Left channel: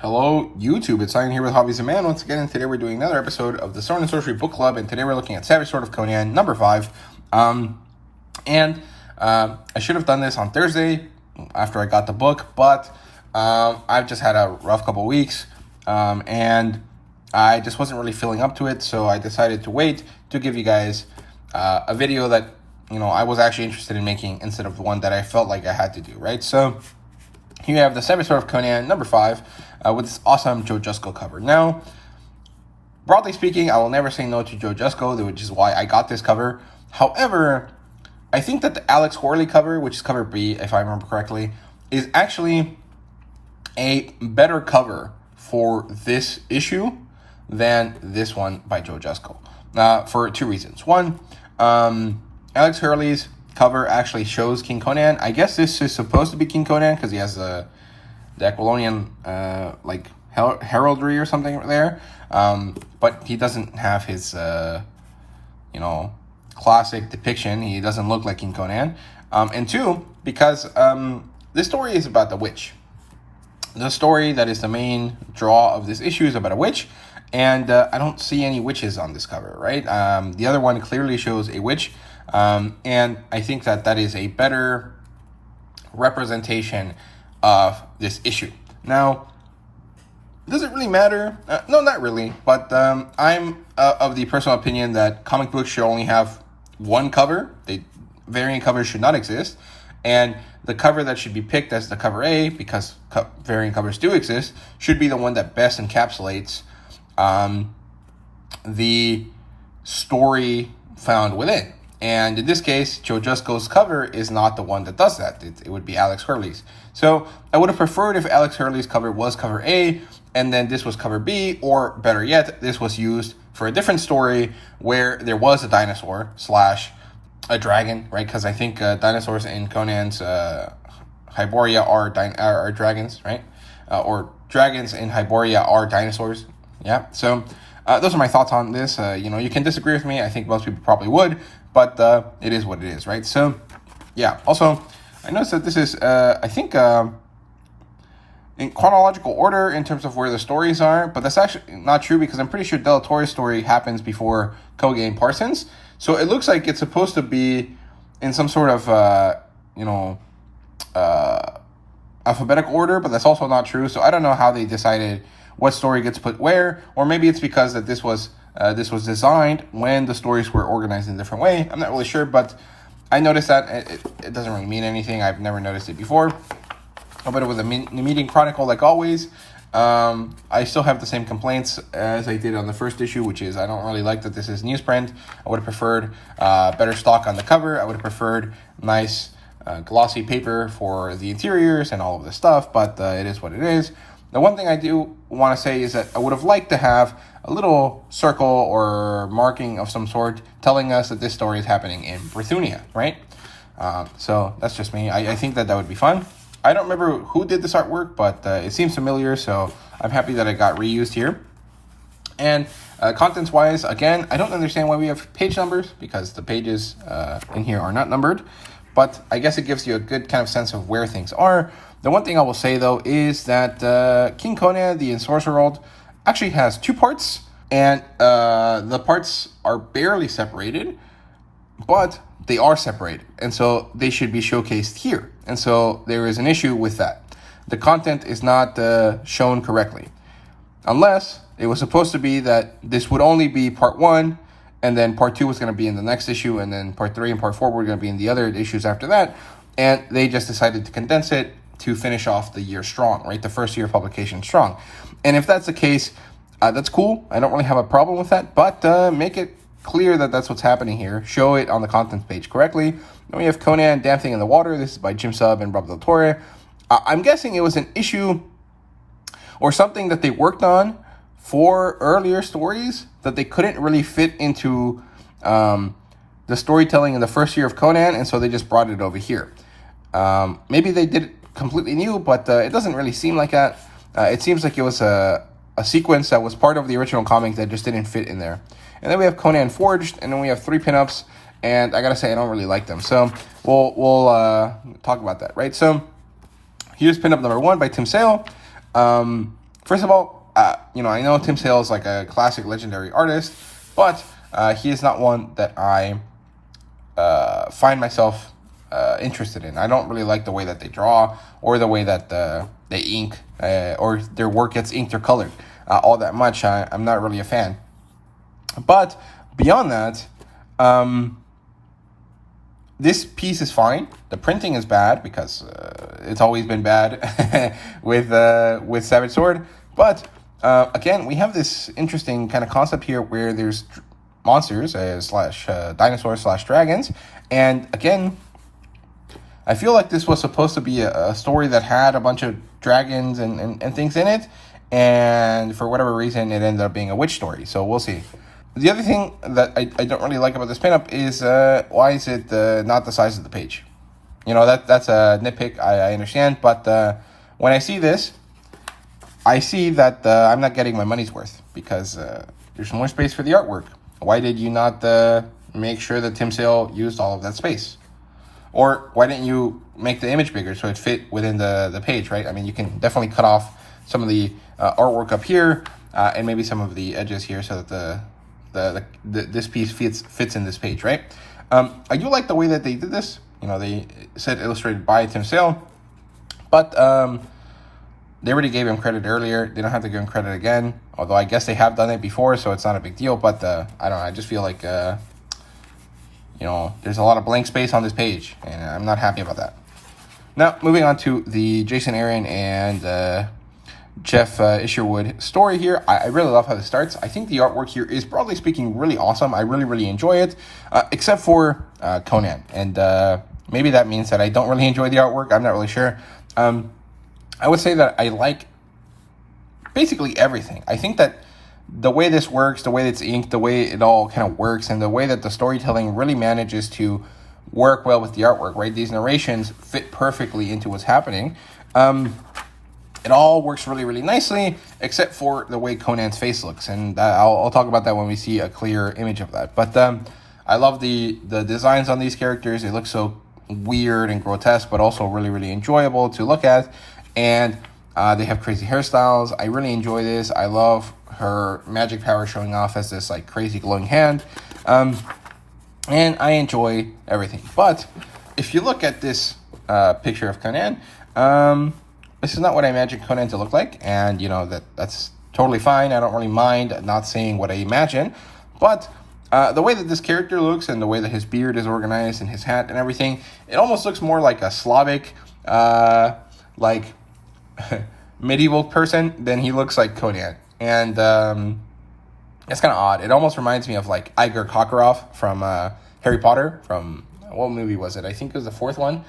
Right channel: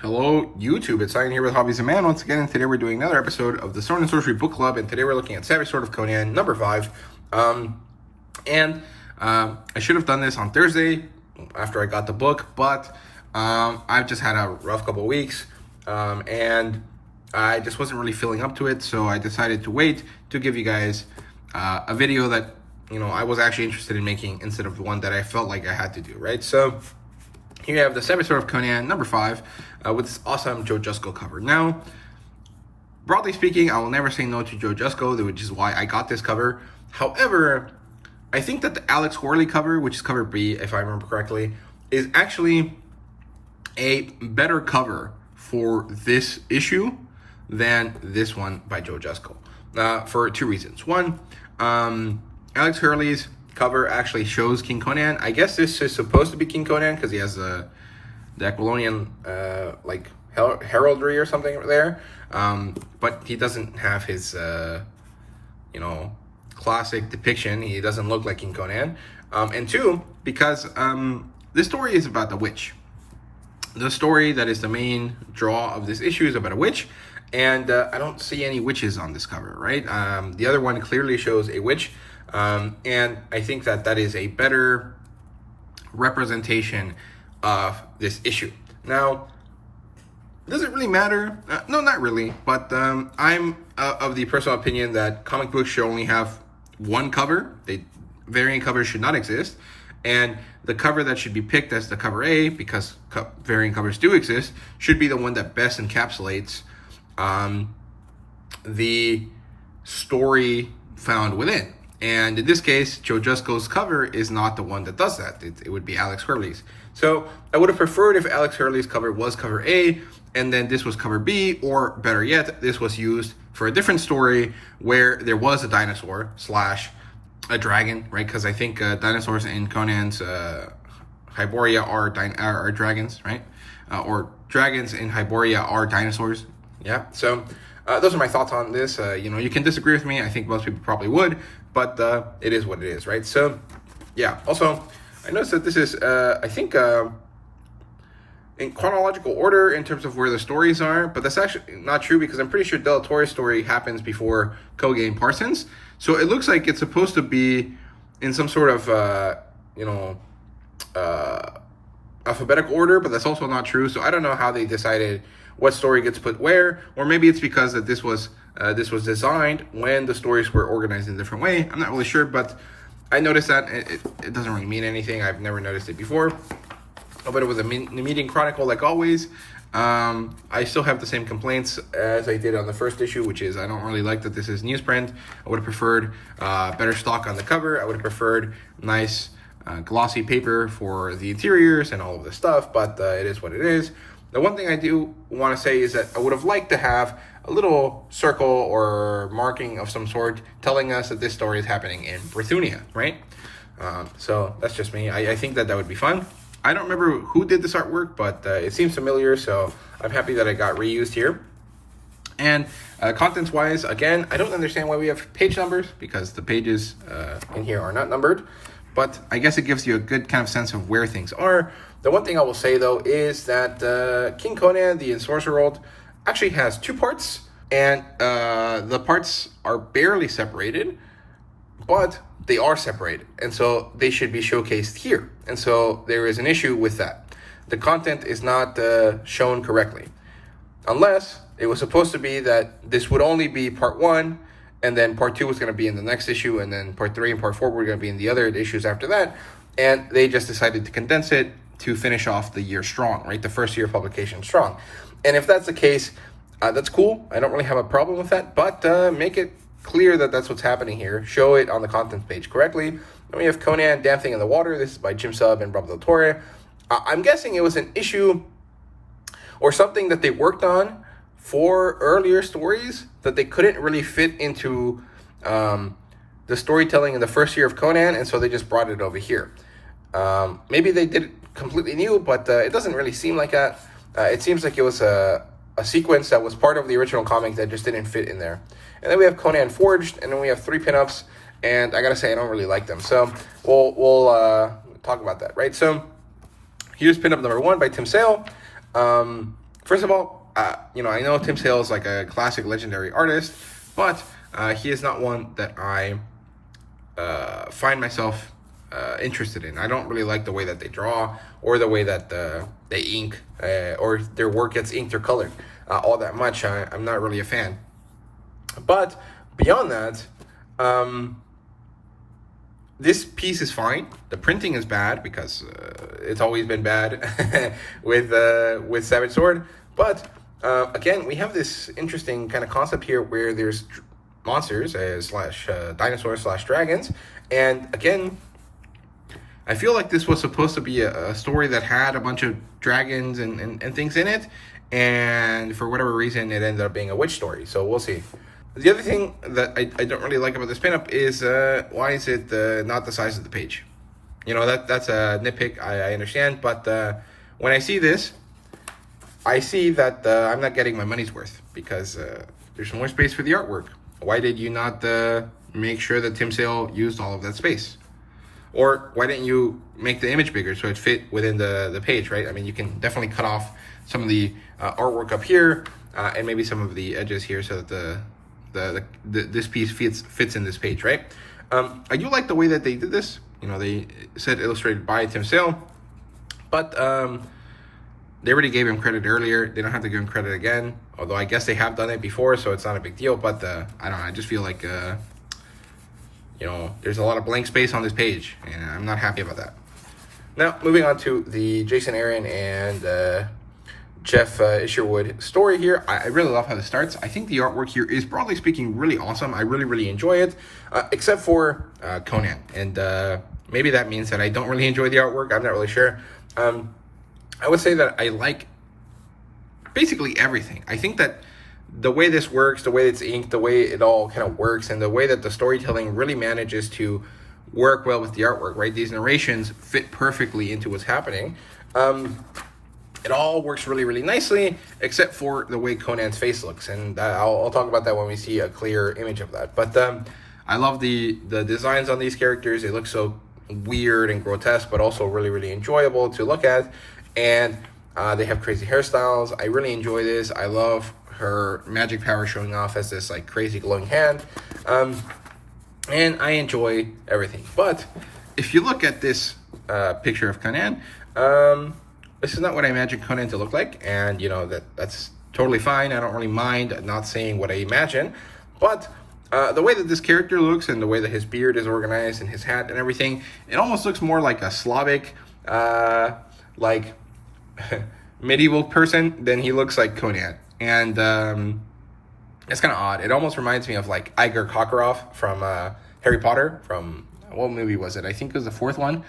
Hello, YouTube. It's Simon here with Hobbies and Man once again, and today we're doing another episode of the Sword and Sorcery Book Club, and today we're looking at Savage Sword of Conan, number 5. I should have done this on Thursday after I got the book, but I've just had a rough couple weeks, and I just wasn't really feeling up to it, so I decided to wait to give you guys a video that, I was actually interested in making instead of the one that I felt like I had to do, right? So here you have the Savage Sword of Conan, number 5, with this awesome Joe Jusko cover. Now, broadly speaking, I will never say no to Joe Jusko, which is why I got this cover. However, I think that the Alex Horley cover, which is cover B, if I remember correctly, is actually a better cover for this issue than this one by Joe Jusko, for two reasons. One, Alex Hurley's cover actually shows King Conan. I guess this is supposed to be King Conan because he has the Aquilonian heraldry or something there, but he doesn't have his classic depiction. He doesn't look like King Conan. And two, because this story is about the witch. The story that is the main draw of this issue is about a witch, and I don't see any witches on this cover, right? The other one clearly shows a witch. And I think that is a better representation of this issue. Now, does it really matter? No, not really. But I'm of the personal opinion that comic books should only have one cover. Variant covers should not exist. And the cover that should be picked as the cover A, because variant covers do exist, should be the one that best encapsulates the story found within. And in this case, Joe Jusko's cover is not the one that does that. It would be Alex Hurley's. So I would have preferred if Alex Hurley's cover was cover A, and then this was cover B, or better yet, this was used for a different story where there was a dinosaur / a dragon, right? Because I think dinosaurs in Conan's Hyboria are dragons, right? Or dragons in Hyboria are dinosaurs. Yeah, so those are my thoughts on this. You can disagree with me. I think most people probably would, but it is what it is, right? So, yeah. Also, I noticed that this is, I think, in chronological order in terms of where the stories are, but that's actually not true because I'm pretty sure Del Toro's story happens before Koge and Parsons. So it looks like it's supposed to be in some sort of, alphabetical order, but that's also not true. So I don't know how they decided what story gets put where, or maybe it's because that this was designed when the stories were organized in a different way. I'm not really sure, but I noticed that it doesn't really mean anything. I've never noticed it before. But it was a meeting chronicle like always. I still have the same complaints as I did on the first issue, which is I don't really like that this is newsprint. I would have preferred better stock on the cover. I would have preferred nice glossy paper for the interiors and all of this stuff, but it is what it is. The one thing I do want to say is that I would have liked to have a little circle or marking of some sort telling us that this story is happening in Brithunia, right? So that's just me. I think that would be fun. I don't remember who did this artwork, but it seems familiar, so I'm happy that it got reused here. And contents-wise, again, I don't understand why we have page numbers, because the pages in here are not numbered, but I guess it gives you a good kind of sense of where things are. The one thing I will say, though, is that King Conan, the Sorcery World, actually has two parts, and the parts are barely separated, but they are separated, and so they should be showcased here. And so there is an issue with that. The content is not shown correctly, unless it was supposed to be that this would only be part 1, and then part 2 was going to be in the next issue, and then part 3 and part 4 were going to be in the other issues after that, and they just decided to condense it to finish off the year strong, right? The first year of publication strong. And if that's the case, that's cool. I don't really have a problem with that, but make it clear that that's what's happening here. Show it on the content page correctly. Then we have Conan, Damn Thing in the Water. This is by Jim Sub and Rob Del Toro. I'm guessing it was an issue or something that they worked on for earlier stories that they couldn't really fit into the storytelling in the first year of Conan, and so they just brought it over here. Maybe they did it completely new, but it doesn't really seem like that. It seems like it was a sequence that was part of the original comic that just didn't fit in there. And then we have Conan Forged, and then we have 3 pinups, and I gotta say I don't really like them. So we'll talk about that, right? So here's pinup number 1 by Tim Sale. First of all, you know, I know Tim Sale is like a classic legendary artist, but he is not one that I find myself interested in. I don't really like the way that they draw or the way that they ink or their work gets inked or colored all that much. I'm not really a fan. But beyond that, this piece is fine. The printing is bad because it's always been bad with Savage Sword. But again, we have this interesting kind of concept here where there's monsters slash dinosaurs slash dragons, and again, I feel like this was supposed to be a story that had a bunch of dragons and things in it, and for whatever reason, it ended up being a witch story. So we'll see. The other thing that I don't really like about this pinup is why is it not the size of the page? You know, that's a nitpick, I understand, but when I see this, I see that I'm not getting my money's worth because there's more space for the artwork. Why did you not make sure that Tim Sale used all of that space? Or why didn't you make the image bigger so it fit within the page, right? I mean, you can definitely cut off some of the artwork up here and maybe some of the edges here so that this piece fits in this page, right? I do like the way that they did this. You know, they said illustrated by Tim Sale, but they already gave him credit earlier. They don't have to give him credit again, although I guess they have done it before, so it's not a big deal. But I don't know, I just feel like you know, there's a lot of blank space on this page, and I'm not happy about that. Now, moving on to the Jason Aaron and Jeff Isherwood story here. I really love how this starts. I think the artwork here is, broadly speaking, really awesome. I really enjoy it, except for Conan. And maybe that means that I don't really enjoy the artwork. I'm not really sure. I would say that I like basically everything. I think that the way this works, the way it's inked, the way it all kind of works, and the way that the storytelling really manages to work well with the artwork, right? These narrations fit perfectly into what's happening. It all works really nicely, except for the way Conan's face looks, and I'll talk about that when we see a clear image of that. But I love the designs on these characters. They look so weird and grotesque, but also really enjoyable to look at, and they have crazy hairstyles. I really enjoy this. I love her magic power showing off as this like crazy glowing hand, and I enjoy everything. But if you look at this picture of Conan, this is not what I imagined Conan to look like, and you know that's totally fine. I don't really mind not saying what I imagine, but the way that this character looks and the way that his beard is organized and his hat and everything, it almost looks more like a Slavic, like medieval person than he looks like Conan, and it's kind of odd. It almost reminds me of like Igor Kokorov from Harry Potter. From what movie was it? I think it was the fourth one.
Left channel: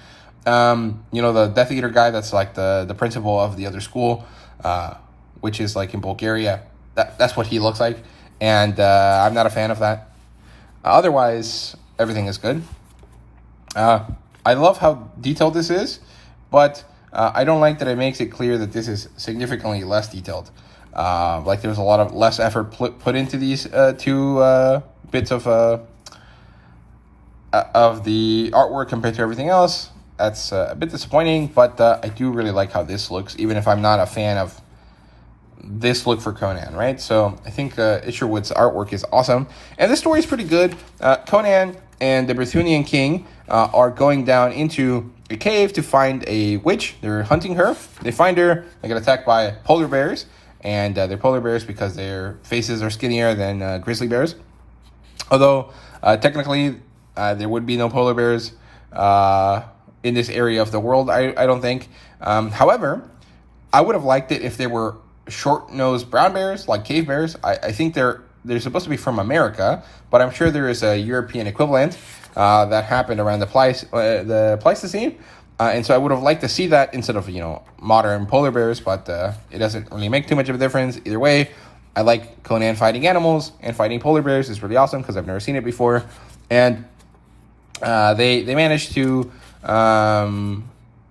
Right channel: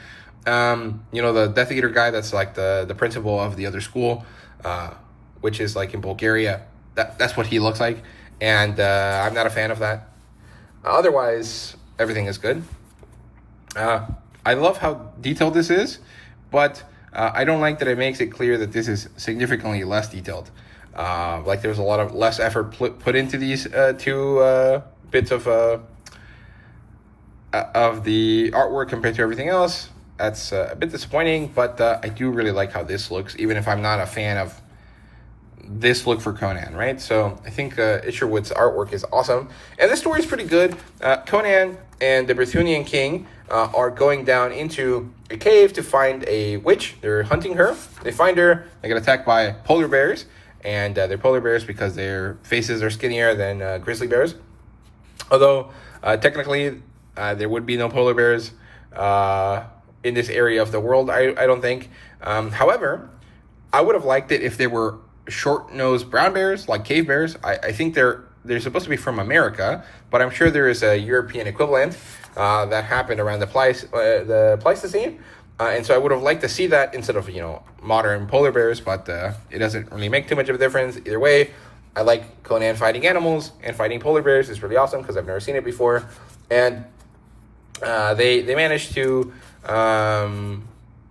You know, the Death Eater guy that's like the principal of the other school, which is like in Bulgaria. That's what he looks like, and I'm not a fan of that. Otherwise, everything is good. I love how detailed this is, but I don't like that it makes it clear that this is significantly less detailed. Like there's a lot of less effort put into these two bits of the artwork compared to everything else. That's a bit disappointing, but I do really like how this looks, even if I'm not a fan of this look for Conan, right? So I think Isherwood's artwork is awesome, and this story is pretty good. Conan and the Brythunian king are going down into a cave to find a witch. They're hunting her. They find her. They get attacked by polar bears, and they're polar bears because their faces are skinnier than grizzly bears. Although technically there would be no polar bears in this area of the world, I don't think. However, I would have liked it if they were short-nosed brown bears, like cave bears. I think they're supposed to be from America, but I'm sure there is a European equivalent that happened around the Pleistocene. And so I would have liked to see that instead of, you know, modern polar bears, but it doesn't really make too much of a difference. Either way, I like Conan fighting animals, and fighting polar bears is really awesome because I've never seen it before. And they managed to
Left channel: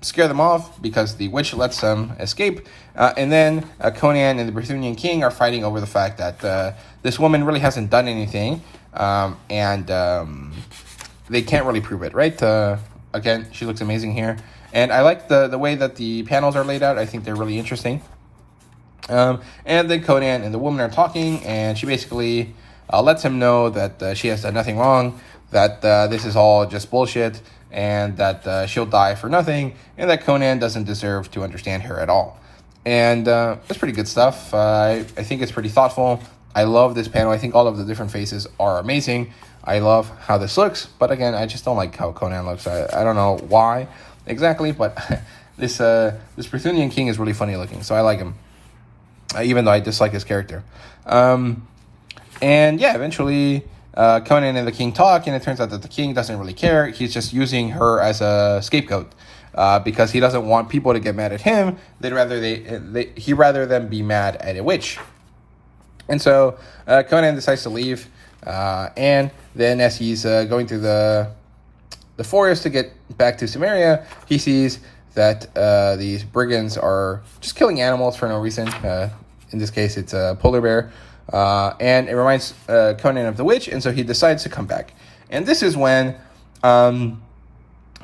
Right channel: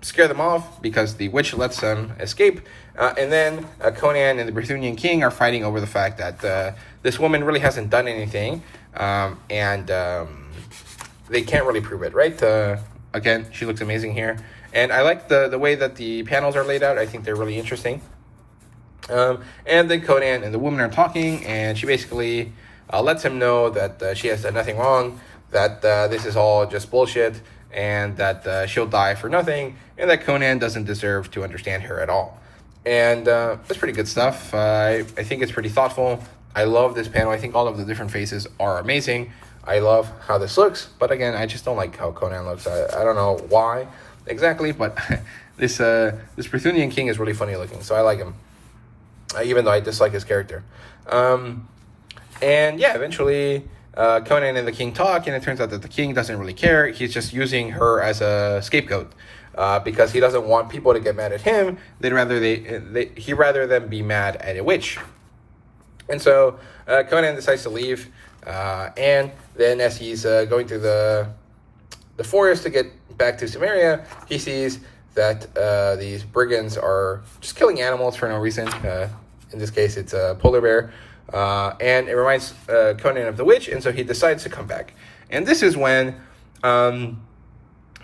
scare them off because the witch lets them escape. And then Conan and the Brythunian king are fighting over the fact that this woman really hasn't done anything, and they can't really prove it, right? Again, she looks amazing here. And I like the way that the panels are laid out. I think they're really interesting. And then Conan and the woman are talking, and she basically lets him know that she has done nothing wrong, that this is all just bullshit, and that she'll die for nothing, and that Conan doesn't deserve to understand her at all. And that's pretty good stuff. I think it's pretty thoughtful. I love this panel. I think all of the different faces are amazing. I love how this looks, but again, I just don't like how Conan looks. I don't know why exactly, but this Brythunian king is really funny looking, so I like him, even though I dislike his character. And yeah, eventually Conan and the king talk, and it turns out that the king doesn't really care. He's just using her as a scapegoat because he doesn't want people to get mad at him. He'd rather them be mad at a witch. And so Conan decides to leave, and then as he's going through the forest to get back to Samaria, he sees that these brigands are just killing animals for no reason. In this case, it's a polar bear. And it reminds Conan of the witch, and so he decides to come back. And this is when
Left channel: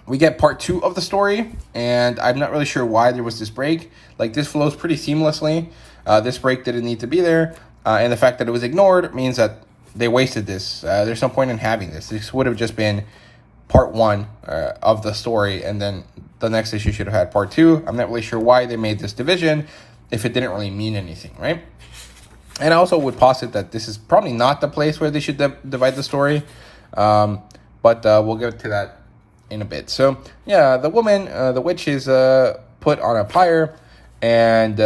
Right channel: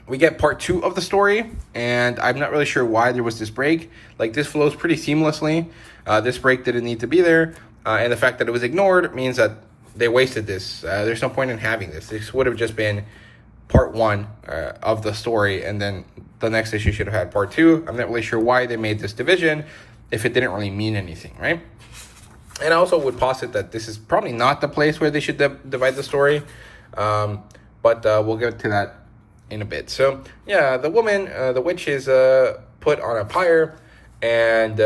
we get part 2 of the story, and I'm not really sure why there was this break. Like, this flows pretty seamlessly. This break didn't need to be there, and the fact that it was ignored means that they wasted this. There's no point in having this. This would have just been part 1 of the story, and then the next issue should have had part 2. I'm not really sure why they made this division if it didn't really mean anything, right? And I also would posit that this is probably not the place where they should divide the story, but we'll get to that in a bit. So yeah, the woman, the witch, is put on a pyre, and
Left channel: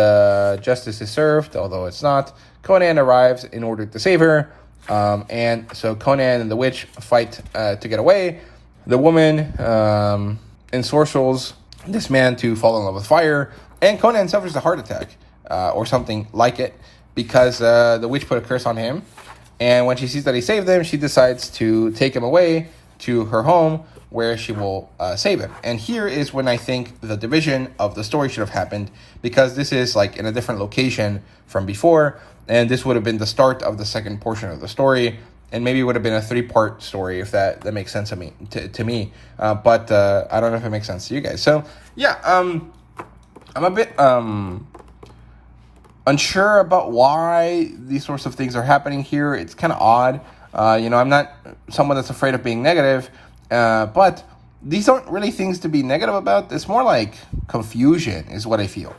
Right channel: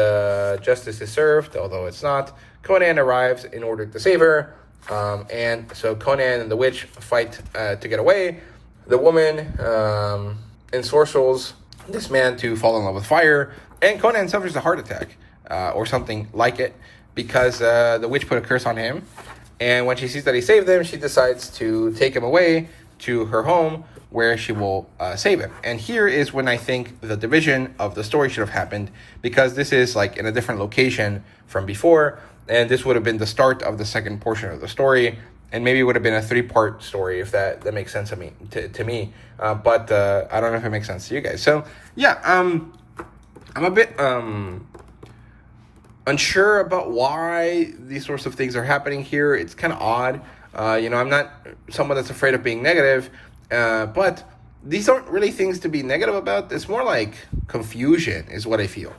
justice is served, although it's not. Conan arrives in order to save her, and so Conan and the witch fight to get away. The woman ensorcels this man to fall in love with fire, and Conan suffers a heart attack or something like it, because the witch put a curse on him. And when she sees that he saved him, she decides to take him away to her home, where she will save him. And here is when I think the division of the story should have happened, because this is like in a different location from before, and this would have been the start of the second portion of the story, and maybe it would have been a 3-part story, if that makes sense to me. But I don't know if it makes sense to you guys. So yeah, I'm a bit unsure about why these sorts of things are happening here. It's kind of odd. I'm not someone that's afraid of being negative, but these aren't really things to be negative about. It's more like confusion is what I feel.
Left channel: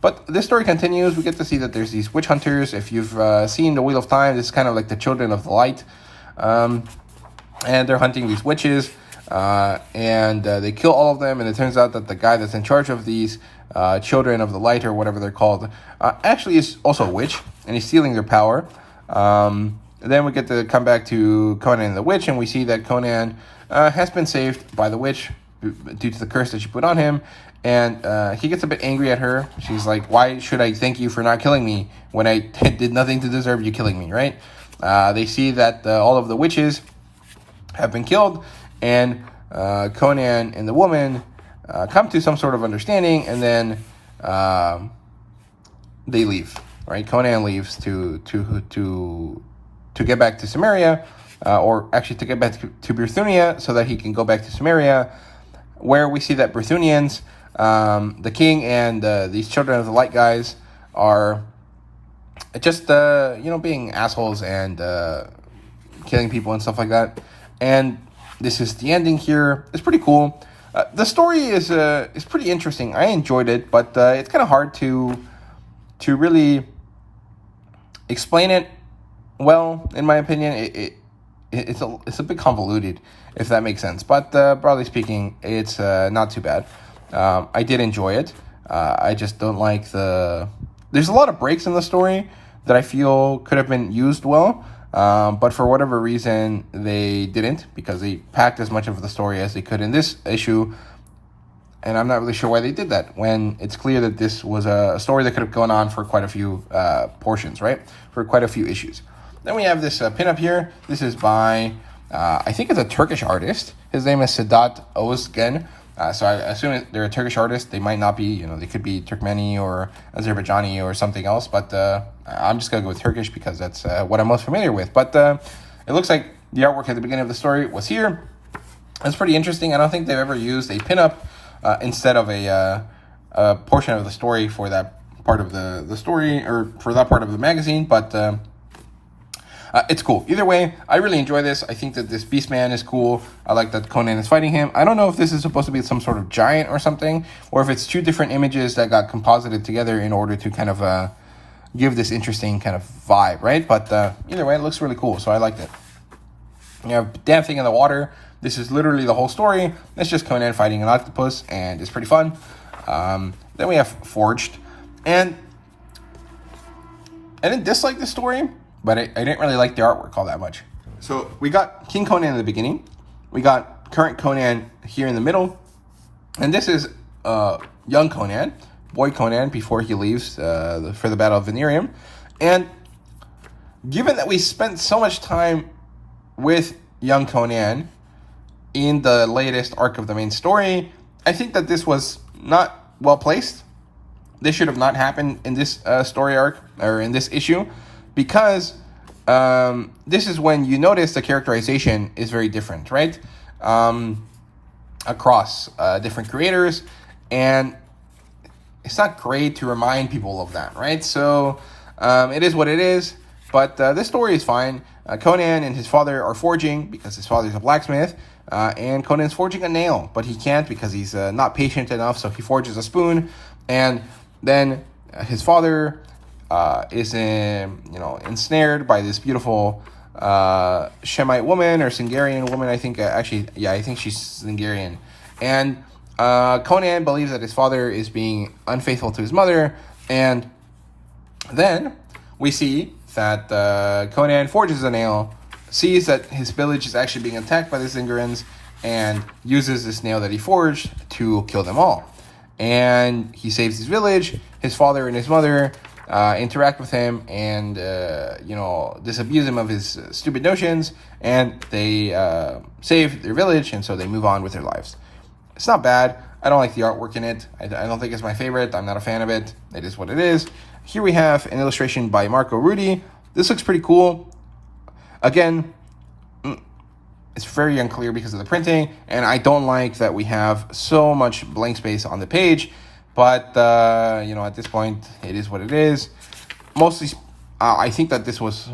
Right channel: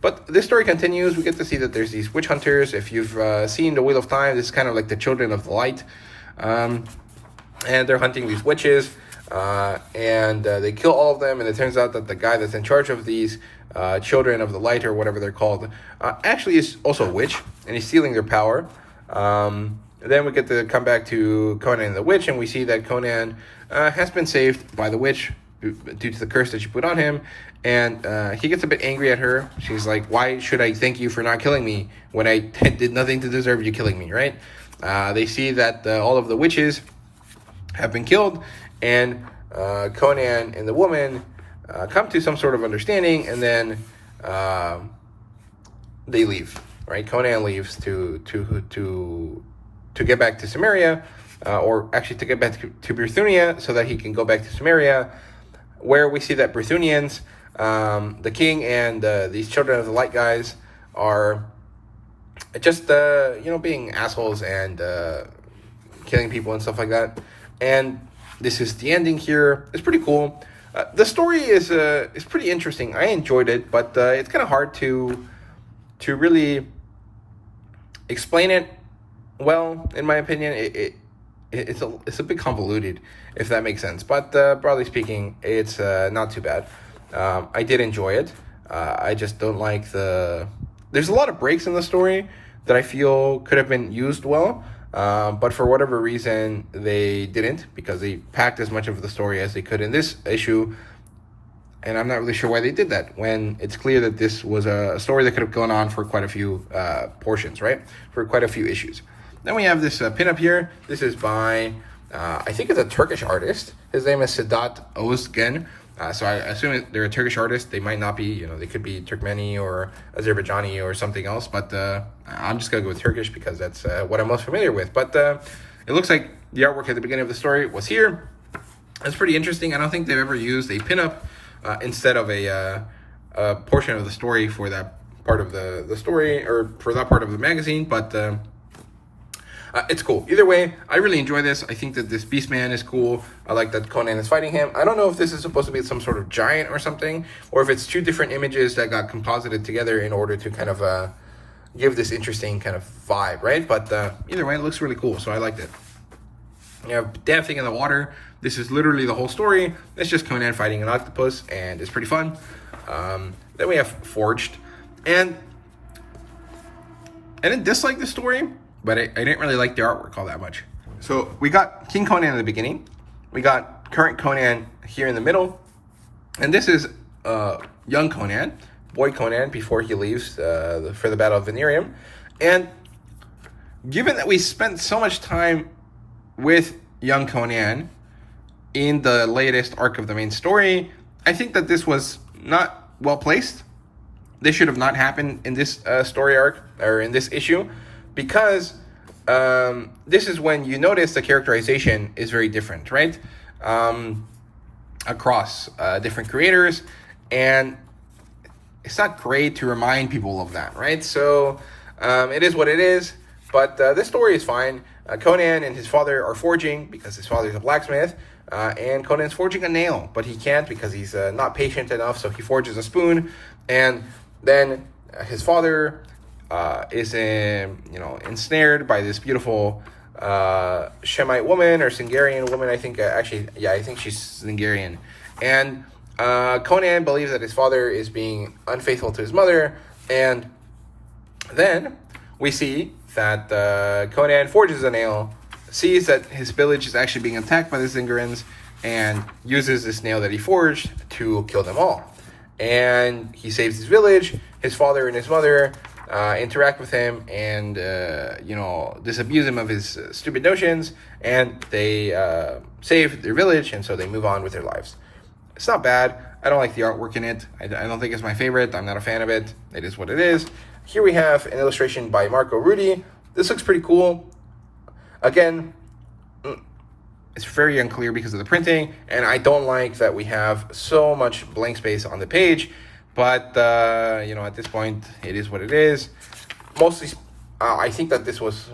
But this story continues. We get to see that there's these witch hunters. If you've seen The Wheel of Time, this is kind of like the Children of the Light. And they're hunting these witches, and they kill all of them. And it turns out that the guy that's in charge of these Children of the Light, or whatever they're called, actually is also a witch, and he's stealing their power. And then we get to come back to Conan and the witch, and we see that Conan has been saved by the witch due to the curse that she put on him. And he gets a bit angry at her. She's like, why should I thank you for not killing me when I did nothing to deserve you killing me, right? They see that all of the witches have been killed, and Conan and the woman come to some sort of understanding, and then they leave, right? Conan leaves to get back to Samaria, or actually to get back to Brythunia, so that he can go back to Samaria, where we see that Brythunians, the king and these Children of the Light guys, are just being assholes and killing people and stuff like that. And this is the ending here. It's pretty cool. The story is pretty interesting. I enjoyed it, but it's kind of hard to really explain it well. In my opinion, it's a bit convoluted, if that makes sense. But broadly speaking, it's not too bad. I did enjoy it. I just don't like there's a lot of breaks in the story that I feel could have been used well, but for whatever reason they didn't, because they packed as much of the story as they could in this issue, and I'm not really sure why they did that, when it's clear that this was a story that could have gone on for quite a few portions, right? For quite a few issues. Then we have this pinup here. This is by, I think it's a Turkish artist. His name is Sedat Ozgen. So I assume they're a Turkish artist. They might not be, they could be Turkmeni or Azerbaijani or something else. But I'm just going to go with Turkish because that's what I'm most familiar with. But it looks like the artwork at the beginning of the story was here. It's pretty interesting. I don't think they've ever used a pinup instead of a portion of the story for that part of the story, or for that part of the magazine, but it's cool. Either way, I really enjoy this. I think that this Beastman is cool. I like that Conan is fighting him. I don't know if this is supposed to be some sort of giant or something, or if it's two different images that got composited together in order to kind of give this interesting kind of vibe, right? But either way, it looks really cool, so I liked it. You have Damn Thing in the Water. This is literally the whole story. It's just Conan fighting an octopus, and it's pretty fun. Then we have Forged, and I didn't dislike the story, but I didn't really like the artwork all that much. So we got King Conan in the beginning. We got current Conan here in the middle. And this is young Conan, boy Conan, before he leaves for the Battle of Venerium. And given that we spent so much time with young Conan in the latest arc of the main story, I think that this was not well placed. This should have not happened in this story arc, or in this issue, because this is when you notice the characterization is very different, right? Across different creators, and it's not great to remind people of that, right? So it is what it is, but this story is fine. Conan and his father are forging, because his father is a blacksmith, and Conan's forging a nail, but he can't because he's not patient enough, so he forges a spoon, and then his father is ensnared by this beautiful Shemite woman, or Singarian woman, I think. I think she's Singarian. And Conan believes that his father is being unfaithful to his mother, and then we see that Conan forges a nail, sees that his village is actually being attacked by the Zingarans, and uses this nail that he forged to kill them all. And he saves his village. His father and his mother interact with him and disabuse him of his stupid notions, and they save their village, and so they move on with their lives. It's not bad. I don't like the artwork in it. I don't think it's my favorite. I'm not a fan of it. It is what it is. Here we have an illustration by Marco Rudy. This looks pretty cool. Again, it's very unclear because of the printing, and I don't like that we have so much blank space on the page. But, at this point, it is what it is. Mostly, I think that this was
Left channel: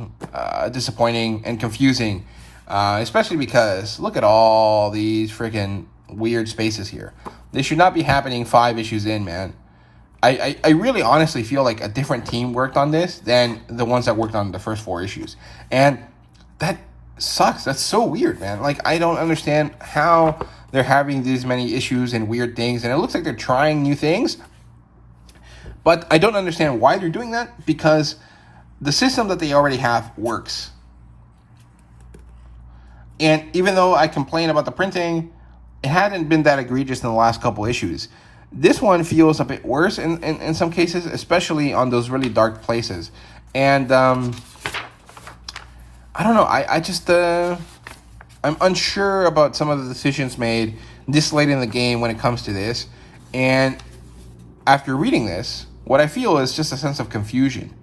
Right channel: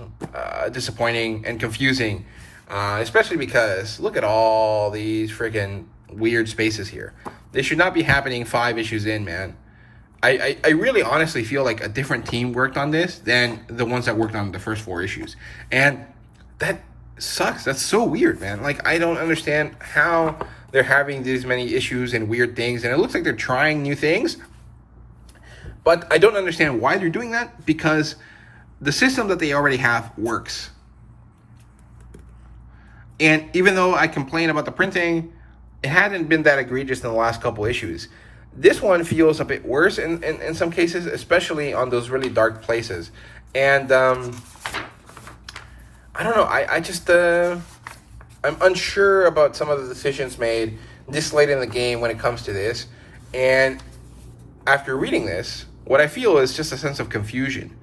disappointing and confusing, especially because look at all these freaking weird spaces here. This should not be happening 5 issues in, man. I really honestly feel like a different team worked on this than the ones that worked on the first 4 issues. And that sucks. That's so weird, man. Like, I don't understand how they're having these many issues and weird things, and it looks like they're trying new things, but I don't understand why they're doing that, because the system that they already have works. And even though I complain about the printing, it hadn't been that egregious in the last couple issues. This one feels a bit worse in some cases, especially on those really dark places. And I don't know, I just I'm unsure about some of the decisions made this late in the game when it comes to this. And after reading this, what I feel is just a sense of confusion,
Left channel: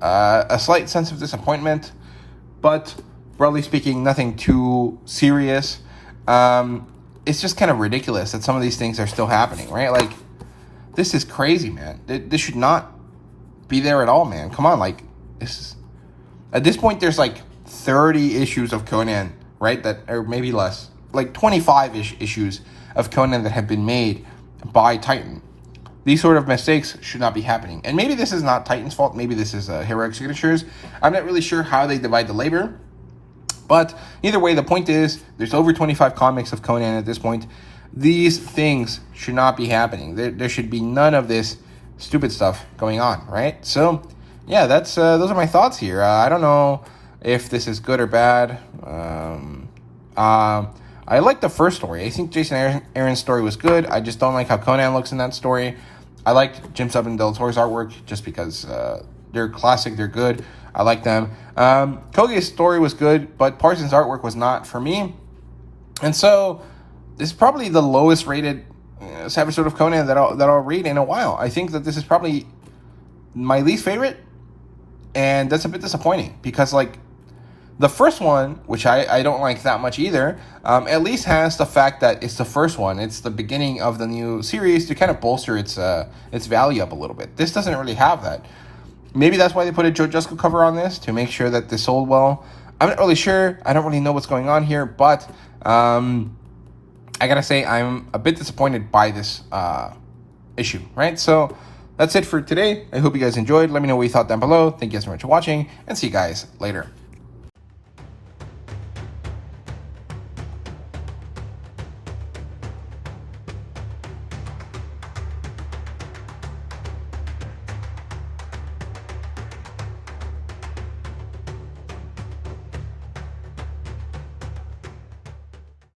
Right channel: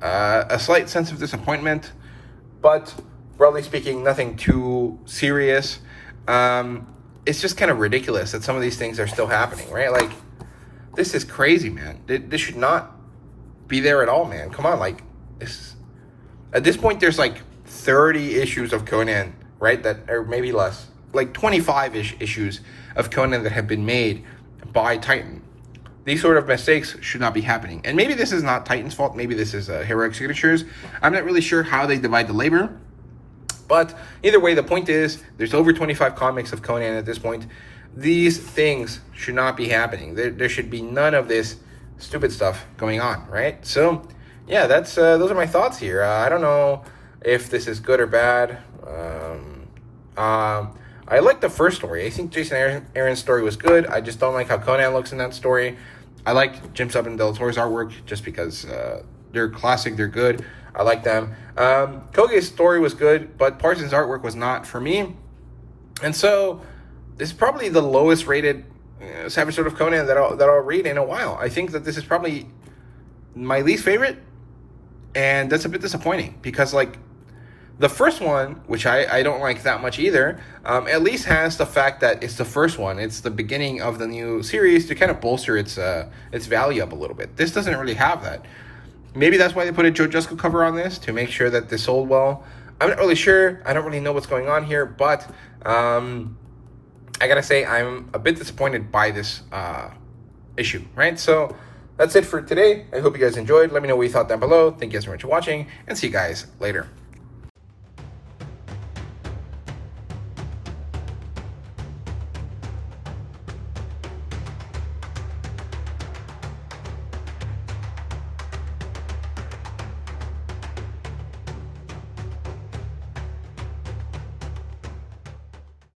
a slight sense of disappointment, but broadly speaking, nothing too serious. It's just kind of ridiculous that some of these things are still happening, right? Like, this is crazy, man. This should not be there at all, man. Come on, like, at this point, there's like 30 issues of Conan, right? That, or maybe less, like 25-ish issues of Conan that have been made by Titan. These sort of mistakes should not be happening. And maybe this is not Titan's fault. Maybe this is Heroic Signatures. I'm not really sure how they divide the labor. But either way, the point is, there's over 25 comics of Conan at this point. These things should not be happening. There should be none of this stupid stuff going on, right? So, yeah, that's those are my thoughts here. I don't know if this is good or bad. I like the first story. I think Jason Aaron's story was good. I just don't like how Conan looks in that story. I liked Jim Sub and Del Toro's artwork just because they're classic, they're good. I like them. Koge's story was good, but Parsons' artwork was not for me. And so this is probably the lowest rated Savage Sword of Conan that I'll read in a while. I think that this is probably my least favorite, and that's a bit disappointing because, like, The first one, which I don't like that much either, at least has the fact that it's the first one. It's the beginning of the new series to kind of bolster its value up a little bit. This doesn't really have that. Maybe that's why they put a Joe Jusko cover on this, to make sure that this sold well. I'm not really sure. I don't really know what's going on here, but I gotta say I'm a bit disappointed by this issue, right? So that's it for today. I hope you guys enjoyed. Let me know what you thought down below. Thank you guys so much for watching, and see you guys later.